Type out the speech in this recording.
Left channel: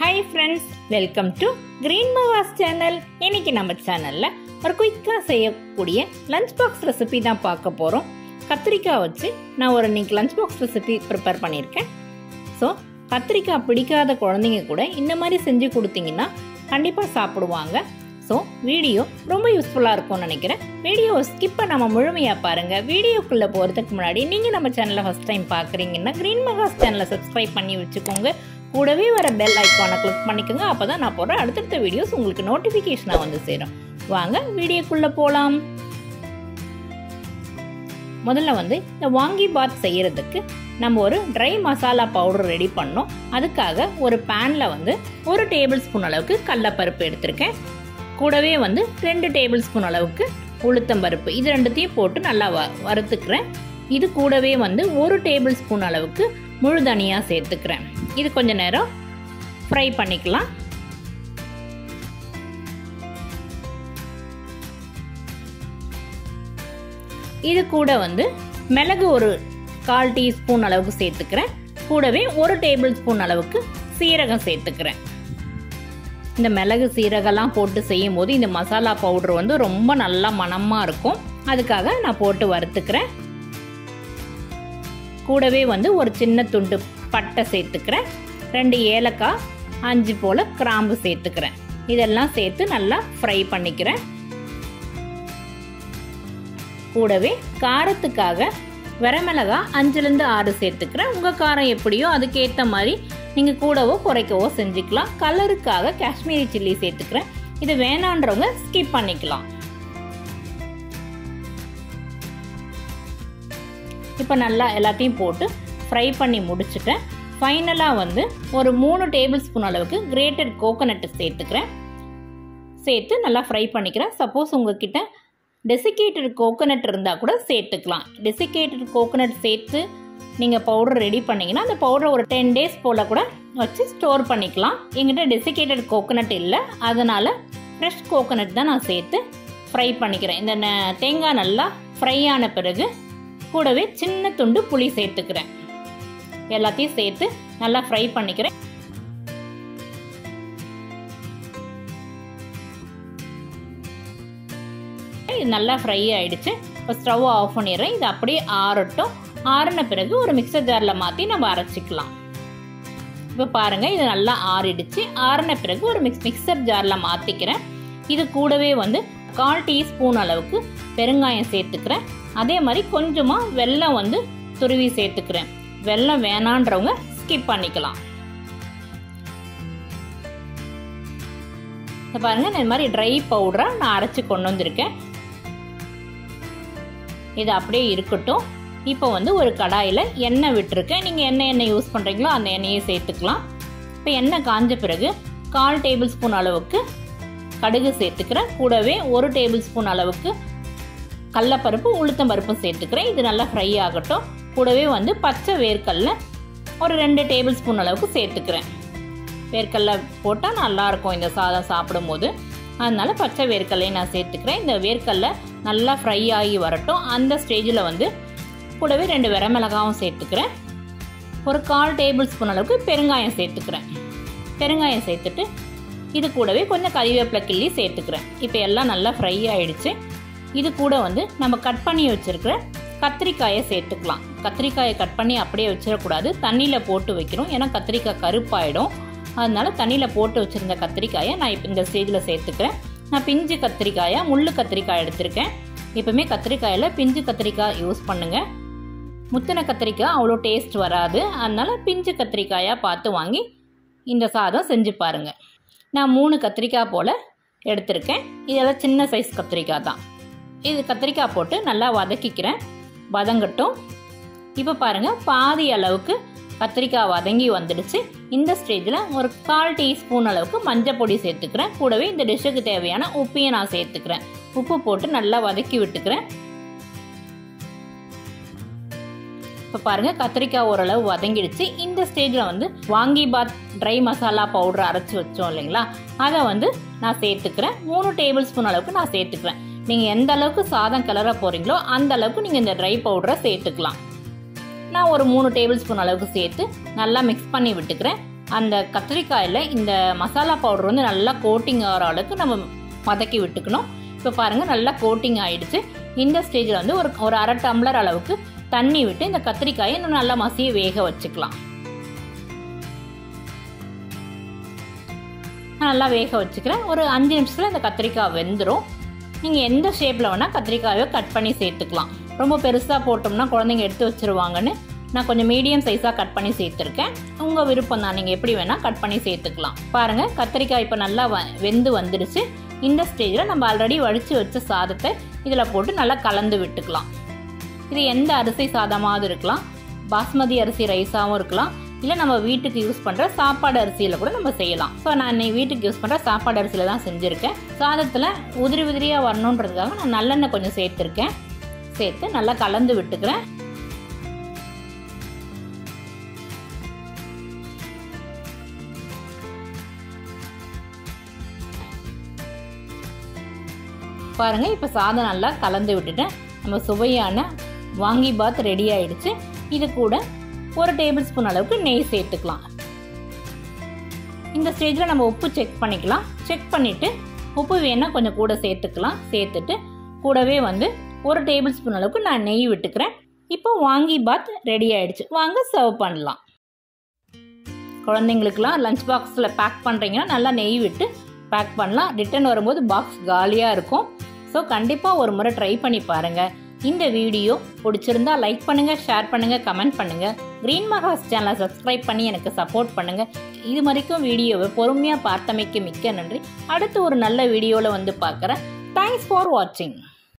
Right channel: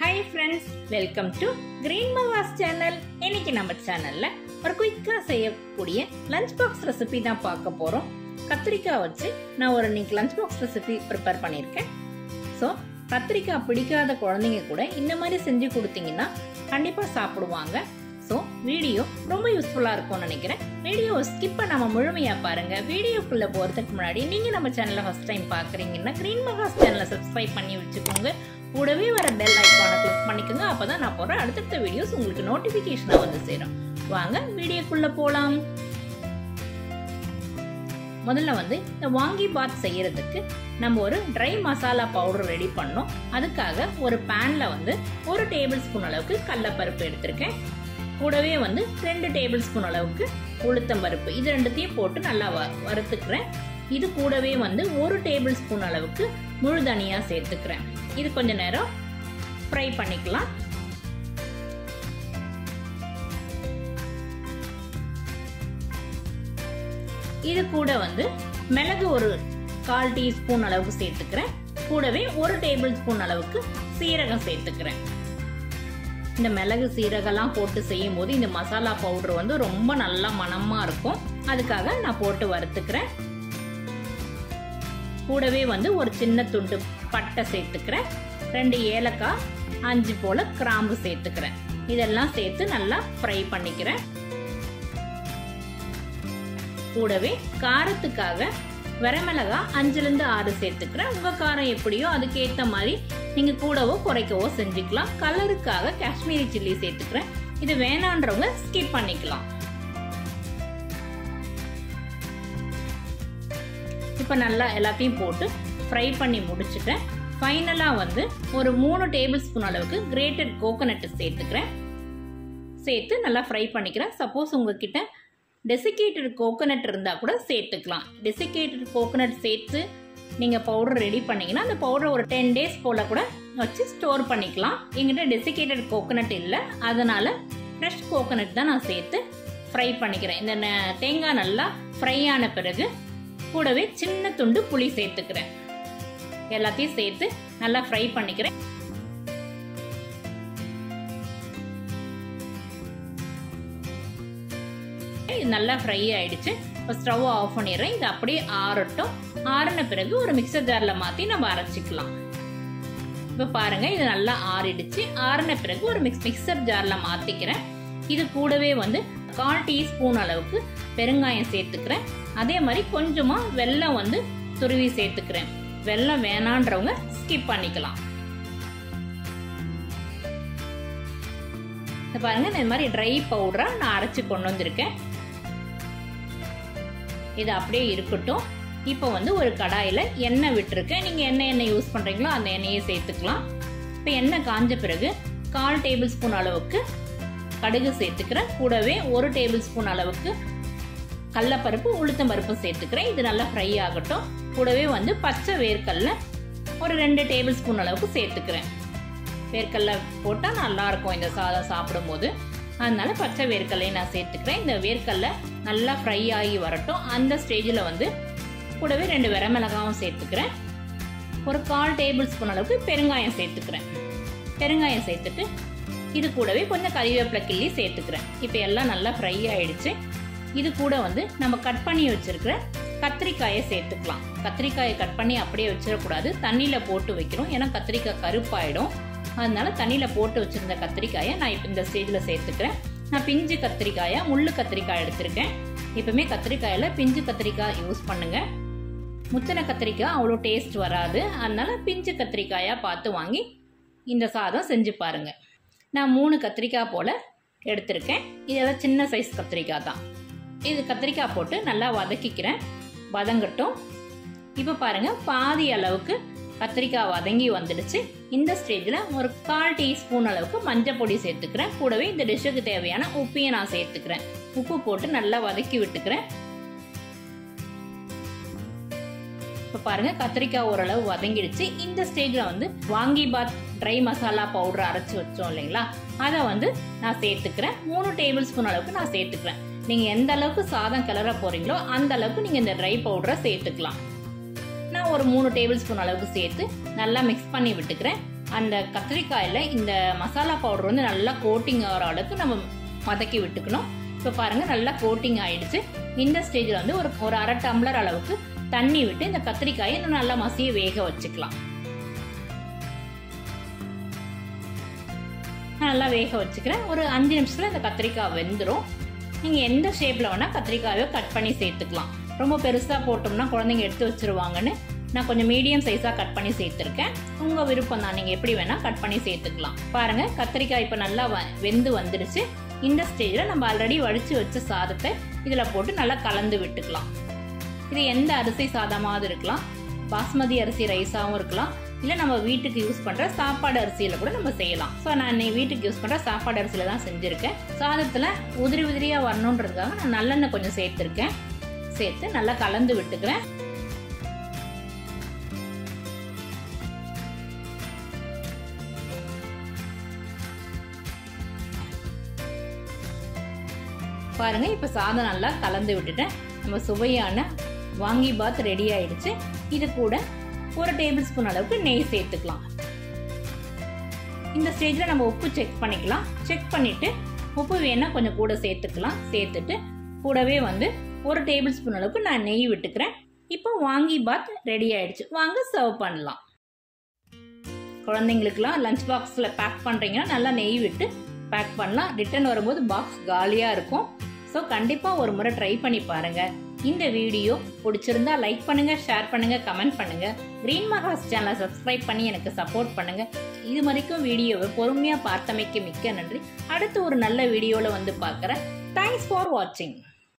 Hi friends, welcome to GreenMaha's channel. இன்னைக்கு நம்ம சேனல்ல ஒரு குயிக்கா செய்யக்கூடிய லஞ்ச் பாக்ஸ் ரெசிபி தான் பார்க்க போறோம். கத்திரிக்காய் வச்சு நான் ஒரு இன்னைக்கு லஞ்ச் பாக்ஸ் ரெசிபி ப்ரிப்பேர் பண்ணியிருக்கேன். ஸோ கத்திரிக்காய் பிடிக்காத குழந்தைங்க கூட இந்த மாதிரி செஞ்சு கொடுத்தீங்கன்னா கண்டிப்பா சாப்பிடுவாங்க. ஸோ வீடியோ ரொம்ப யூஸ்ஃபுல்லாக இருக்கும்னு நினைக்கிறேன். வீடியோ ஸ்கிப் பண்ணாம முழுமையாக பாருங்க. வீடியோக்குள்ள போகிறதுக்கு முன்னாடி நீங்கள் நம்ம சேனலை ஃபர்ஸ்ட் டைம் பார்க்குறீங்கன்னா GreenMaha's சேனலை சப்ஸ்கிரைப் பண்ணி வச்சுக்கோங்க. கூடவே வர பெல் ஐக்கானை கிளிக் பண்ணிக்கோங்க. அப்பதான் நான் போடுற அடுத்தடுத்த வீடியோஸ் உங்களுக்கு நோட்டிஃபிகேஷனாக வந்து சேரும். வாங்க வீடியோக்குள்ள போகலாம். முதல்ல வந்து இந்த வாங்கி பாத் செய்யறதுக்கு நம்ம ஒரு ட்ரை மசாலா பவுடர் ரெடி பண்ணோம். அதுக்காக ஒரு பேன்ல வந்து 1 டேபிள் ஸ்பூன் அளவுக்கு கடலைப்பருப்பு எடுத்திருக்கேன். கூடவே வந்து 2 டேபிள் ஸ்பூன் அளவுக்கு உளுத்தம் பருப்பு, இது ரெண்டுத்தையும் போட்டு நல்லா வறுத்துக்கிறேன். இது கூடவே வந்து 1 டேபிள் ஸ்பூன் அளவுக்கு முழு தனியா சேர்த்துக்கிறேன். இது கொஞ்ச நேரம் ஃப்ரை பண்ணிக்கலாம். இது கூட வந்து மிளகு ஒரு 1/4 டீஸ்பூன் அளவுக்கு சேர்த்துக்கிறேன். கூடவே 1 டேபிள் ஸ்பூன் அளவுக்கு சீரகம் சேர்த்துக்கிறேன். இந்த மிளகு சீரகம்லாம் போட்டு செய்யும் போது இந்த மசாலா பவுடர் வந்து ரொம்ப நல்லா மணமா இருக்கும். அதுக்காக நான் போட்டு வறுத்துக்கிறேன். கூடவே வந்து ஒரு சின்ன துண்டு பட்டை சேர்த்துக்கிறேன். 2 ஏலக்காய், 5 போல கிராம்பு சேர்த்துக்கிறேன். இதெல்லாம் சேர்த்து நல்லா ஃப்ரை பண்ணிக்கிறேன். கூடவே காரத்துக்காக வரமிளகாய் 5லிருந்து 6 சேர்த்துக்கிறேன். உங்க காரம் எப்படியோ அதுக்கேற்ற மாதிரி நீங்க கூடவோ குறைக்கவோ செஞ்சுக்கலாம். கலருக்காக காஷ்மீரி சில்லி சேர்த்துக்கிறேன். இது வேணான்றவங்க ஸ்கிப் பண்ணிக்கலாம். இப்போ நல்லா எல்லாத்தையும் போட்டு ஃப்ரை பண்ணி முடிச்சுட்டேன். ஃபைனலாக வந்து ஒரு 3 டேபிள் ஸ்பூன் அளவுக்கு கிரேட்டட் கோகோனட் சேர்த்துக்கிறேன். சேர்த்து நல்லா ஃப்ரை பண்ணிக்கிறேன். சப்போஸ் உங்ககிட்ட டெசிகேட்டட் கோகோனட் இருந்தால் கூட சேர்த்துக்கலாம். டெசிகேட்டட் கோகோனட் சேர்த்து நீங்கள் பவுடர் ரெடி பண்ணிங்கன்னா அந்த பவுடர் ஒரு 10 டேஸ் போல் கூட வச்சு ஸ்டோர் பண்ணிக்கலாம். எங்கிட்ட டெசிகேட்டட் கோகோனட் இல்லை, அதனால் ஃப்ரெஷ் கோகோனட் தான் நான் சேர்த்து ஃப்ரை பண்ணிக்கிறேன். இந்த தேங்காய் நல்லா ஃப்ரை ஆன பிறகு கூடவே சின்ன துண்டு புளி சேர்த்துக்கிறேன். எல்லாத்தையும் சேர்த்து நல்லா ஃப்ரை பண்ணிக்கிறேன். இது நல்லா ஃப்ரை ஆயிடுச்சு. இப்போ ஸ்டவ் ஆஃப் பண்ணிடுறேன். இது அப்படியே ஆறட்டும். ஆறின பிறகு ஒரு மிக்சர் ஜார்ல மாற்றி நம்ம அரைச்சிக்கலாம். இப்போ பாருங்க, இது நல்லா ஆறிடுச்சு. ஆறின பிறகு ஒரு மிக்சர் ஜார்ல மாற்றிக்கிறேன். இது கூடவே வந்து 1/4 டீஸ்பூன் அளவுக்கு பெருங்காயம் சேர்த்துக்கிறேன். அதே மாதிரி கொஞ்சமா வெல்லம் வந்து துருவி சேர்த்துக்கிறேன். வெல்லம் வேணான்றவங்க ஸ்கிப் பண்ணிக்கலாம். பாருங்க, இந்த மாதிரி ட்ரை பவுடரா நான் அரைச்சு கொண்டு வந்திருக்கேன். இது அப்படியே இருக்கட்டும். இப்போ வந்து ஒரு கடாயில எண்ணெய் விட்டுருக்கேன். நீங்க என்ன எண்ணெய் யூஸ் பண்றீங்களோ அந்த எண்ணெயை சேர்த்துக்கலாம். இப்போ எண்ணெய் காஞ்ச பிறகு 1/4 டேபிள் ஸ்பூன் அளவுக்கு கடுகு சேர்த்துக்கிறேன். கூடவே 1 டேபிள் ஸ்பூன் அளவுக்கு கடலைப்பருப்பு, உளுத்தம் பருப்பு சேர்த்துக்கிறேன். இது நல்லா ஃப்ரை ஆகட்டும். கூடவே வந்து பச்சை வேர்க்கடலை ஒரு 2 டேபிள் ஸ்பூன் அளவுக்கு சேர்த்துக்கிறேன். வேர்க்கடலை போட்டால் நல்லா இருக்கும் இந்த சாதம் சாப்பிடும் போது, அதனால பச்சை வேர்க்கடலையை நான் சேர்த்துக்கிறேன். இந்த வேர்க்கடலை நல்லா ஃப்ரை ஆகி வரட்டும். அந்த ஸ்டேஜில் வந்து கூடவே 2 வரமிளகாவும் சேர்த்துக்கிறேன். ஒரு 1/4 டேபிள் ஸ்பூன் அளவுக்கு பெருங்காயம் சேர்த்துக்கிறேன். பெருங்காயம் சேர்த்துட்டு இது கூடவே கொஞ்சம் கறிவேப்பிலை கிள்ளி சேர்த்துக்கிறேன். இப்போ எல்லாம் நல்லா ஃப்ரை ஆயிடுச்சு. இது கூட வந்து நம்ம கட் பண்ணி வச்சிருக்கிற கத்திரிக்காயை சேர்த்துக்கலாம். கத்திரிக்காயை கட் பண்ணி அப்படியே வச்சிடக்கூடாது, தண்ணியில் போட்டு வைக்கணும். ஏன்னா கத்திரிக்காய் கருப்பாயிடும். அதனால தண்ணியில் போட்டு வச்சிருந்த கத்திரிக்காயை நான் இப்போ இந்த ஸ்டேஜில் சேர்த்துக்கிறேன். நான் பிஞ்சு கத்திரிக்காயா முள்ளு கத்திரிக்காய் எடுத்திருக்கேன். எப்பவுமே கத்திரிக்காயில் பிஞ்சு கத்திரிக்காய் யூஸ் பண்ணுங்க. முத்தின கத்திரிக்காய் அவ்வளோ டேஸ்ட் வராது. அதனால பிஞ்சு கத்திரிக்காயாக பார்த்து வாங்கி இந்த சாதம் செஞ்சு பாருங்க. நான் 3 கத்திரிக்காய் போல் எடுத்திருக்கேன். இதெல்லாம் சின்ன சைஸ் கத்திரிக்காய் தான். இது கத்திரிக்காய் போட்டு நல்லா வதக்கிக்கிறேன். வதங்கட்டும். இப்போ பாருங்க, பாதி அளவுக்கு கத்திரிக்காய் வதங்கி வந்துடுச்சு. இந்த ஸ்டேஜில் ஒரு 1/4 டீஸ்பூன் அளவுக்கு மஞ்சள் பொடி சேர்த்துக்கிறேன். கூடவே இந்த டிஷ்ஷுக்கு தேவையான உப்பையும் நான் சேர்த்துக்கிறேன். உப்பு போட்டு நல்லா வதக்கி விட்டுக்கிறேன். இப்போ பாருங்க, கத்திரிக்காய் ஓரளவு வதங்கிடுச்சு. இந்த ஸ்டேஜில் வந்து வாங்கி பாத் ட்ரை மசாலா பவுடர் அரைச்சி வச்சோம் இல்லைங்களா, அதை வந்து நான் சேர்த்துக்கிறேன். 3 டேபிள் ஸ்பூன் அளவுக்கு நான் சேர்த்துக்கிறேன். நீங்கள் எந்த அளவுக்கு சாதம் கிளற போறீங்களோ அந்த அளவுக்கு நீங்கள் இந்த ட்ரை பவுடரை சேர்த்துக்கலாம். நான் ஒரு 3 டேபிள் ஸ்பூன் அளவுக்கு சேர்த்து நல்லா மிக்ஸ் பண்ணி விட்டுக்கிறேன். அந்த கத்திரிக்காயில் இந்த மசாலா பவுடர் வந்து நல்லா கோட்டிங் ஆகிற அளவுக்கு நம்ம வதக்கி விட்டுக்கணும். இப்போ பாருங்கள் நல்லா கோட்டிங் ஆகிடுச்சு. இந்த ஸ்டேஜில் வந்து ஒரு அரை டம்ளர் அளவுக்கு தண்ணி விட்டு இந்த கத்திரிக்காயை இன்னும் நல்லா மசிய வேக வச்சுக்கலாம். நல்லா வேக வச்சுக்கிறேன். ஒரு 5 நிமிஷத்தில் இந்த கத்திரிக்காய் வெந்துடும். நீங்கள் எந்த ஷேப்பில் வேணால் கத்திரிக்காயை கட் பண்ணி சேர்த்துக்கலாம். ரொம்ப பெருசாக போட்டோம்னா குழந்தைங்க எடுத்து வச்சுருவாங்கன்னு நான் கொஞ்சம் மீடியம் சைஸாக கட் பண்ணி சேர்த்துருக்கேன். உங்கள் விருப்பம் தான், நீங்கள் எப்படி வேணால் கட் பண்ணி சேர்த்துக்கலாம். பாருங்கள் கத்திரிக்காய் இப்போ நல்லா வெந்து வந்துடுச்சு. இந்த ஸ்டேஜில் நம்ம ஆல்ரெடி வடித்து வச்ச சாதத்தை இதில் போட்டு நல்லா கலந்து விட்டுக்கலாம். இது எந்த அரிசி சாதமாவது இருக்கலாம், பாஸ்மதி அரிசி ரைஸாகவும் இருக்கலாம், இல்லை நம்ம வீட்டுக்கு யூஸ் பண்ணுற சாப்பாடு அரிசியில் கூட நம்ம செய்யலாம். ஸோ நான் இன்னைக்கு வீட்டுக்கு யூஸ் பண்ணுற சாப்பாடு அரிசியில் தான் செஞ்சுருக்கேன். சாதத்தில் உதிரி உதிரியாக வரணுன்றதுக்காக நான் நல்லெண்ணெய் கொஞ்சம் சேர்த்துருக்கேன். சேர்த்து நல்லா கலந்து விட்டுக்கிறேன். பாருங்க இப்போ சாதம் நல்லா கலந்து விட்டுட்டேன். நம்ம சுவையான வாங்கி பாத் ரெடி ஆயிடுச்சு. இது கூட 1 டேபிள் ஸ்பூன் அளவுக்கு நெய் சேர்த்துக்கலாம். இந்த ஸ்டேஜில் நம்ம உப்பு செக் பண்ணிக்கலாம். செக் பண்ணிட்டு உப்பு வேணா கொஞ்சம் கூட சேர்த்துக்கலாம். சேர்த்துட்டு கூடவே வந்து 1 டேபிள் ஸ்பூன் அளவுக்கு நான் நெய் விட்டுக்கிறேன். இப்போ வாங்கி பாத் ரெடி ஆயிடுச்சு. வாங்க சர்வ் பண்ணலாம். குழந்தைங்களுக்குலாம் லஞ்ச் பாக்ஸில் பேக் பண்ணுறீங்கன்னா நல்லா நெய் விட்டு பேக் பண்ணலாம். ரிட்டர்ன் வரும்போது பாக்ஸ் காலியாக இருக்கும். ஸோ கண்டிப்பாக ஒரு முறை ட்ரை பண்ணி பாருங்கள். இந்த வீடியோ பிடிச்சிருந்தா லைக் பண்ணுங்கள், ஷேர் பண்ணுங்கள், கமெண்ட் பண்ணுங்கள். GreenMaha's சேனலை சப்ஸ்கிரைப் பண்ணி எனக்கு சப்போர்ட் பண்ணுங்கள். இது வரைக்கும் வீடியோவை பொறுமையாக பார்த்தமைக்கு மிக்க நன்றி. அடுத்து ஒரு நல்ல வீடியோவில் வந்து பார்க்குறேன். தேங்க்ஸ் ஃபார் வாட்சிங்.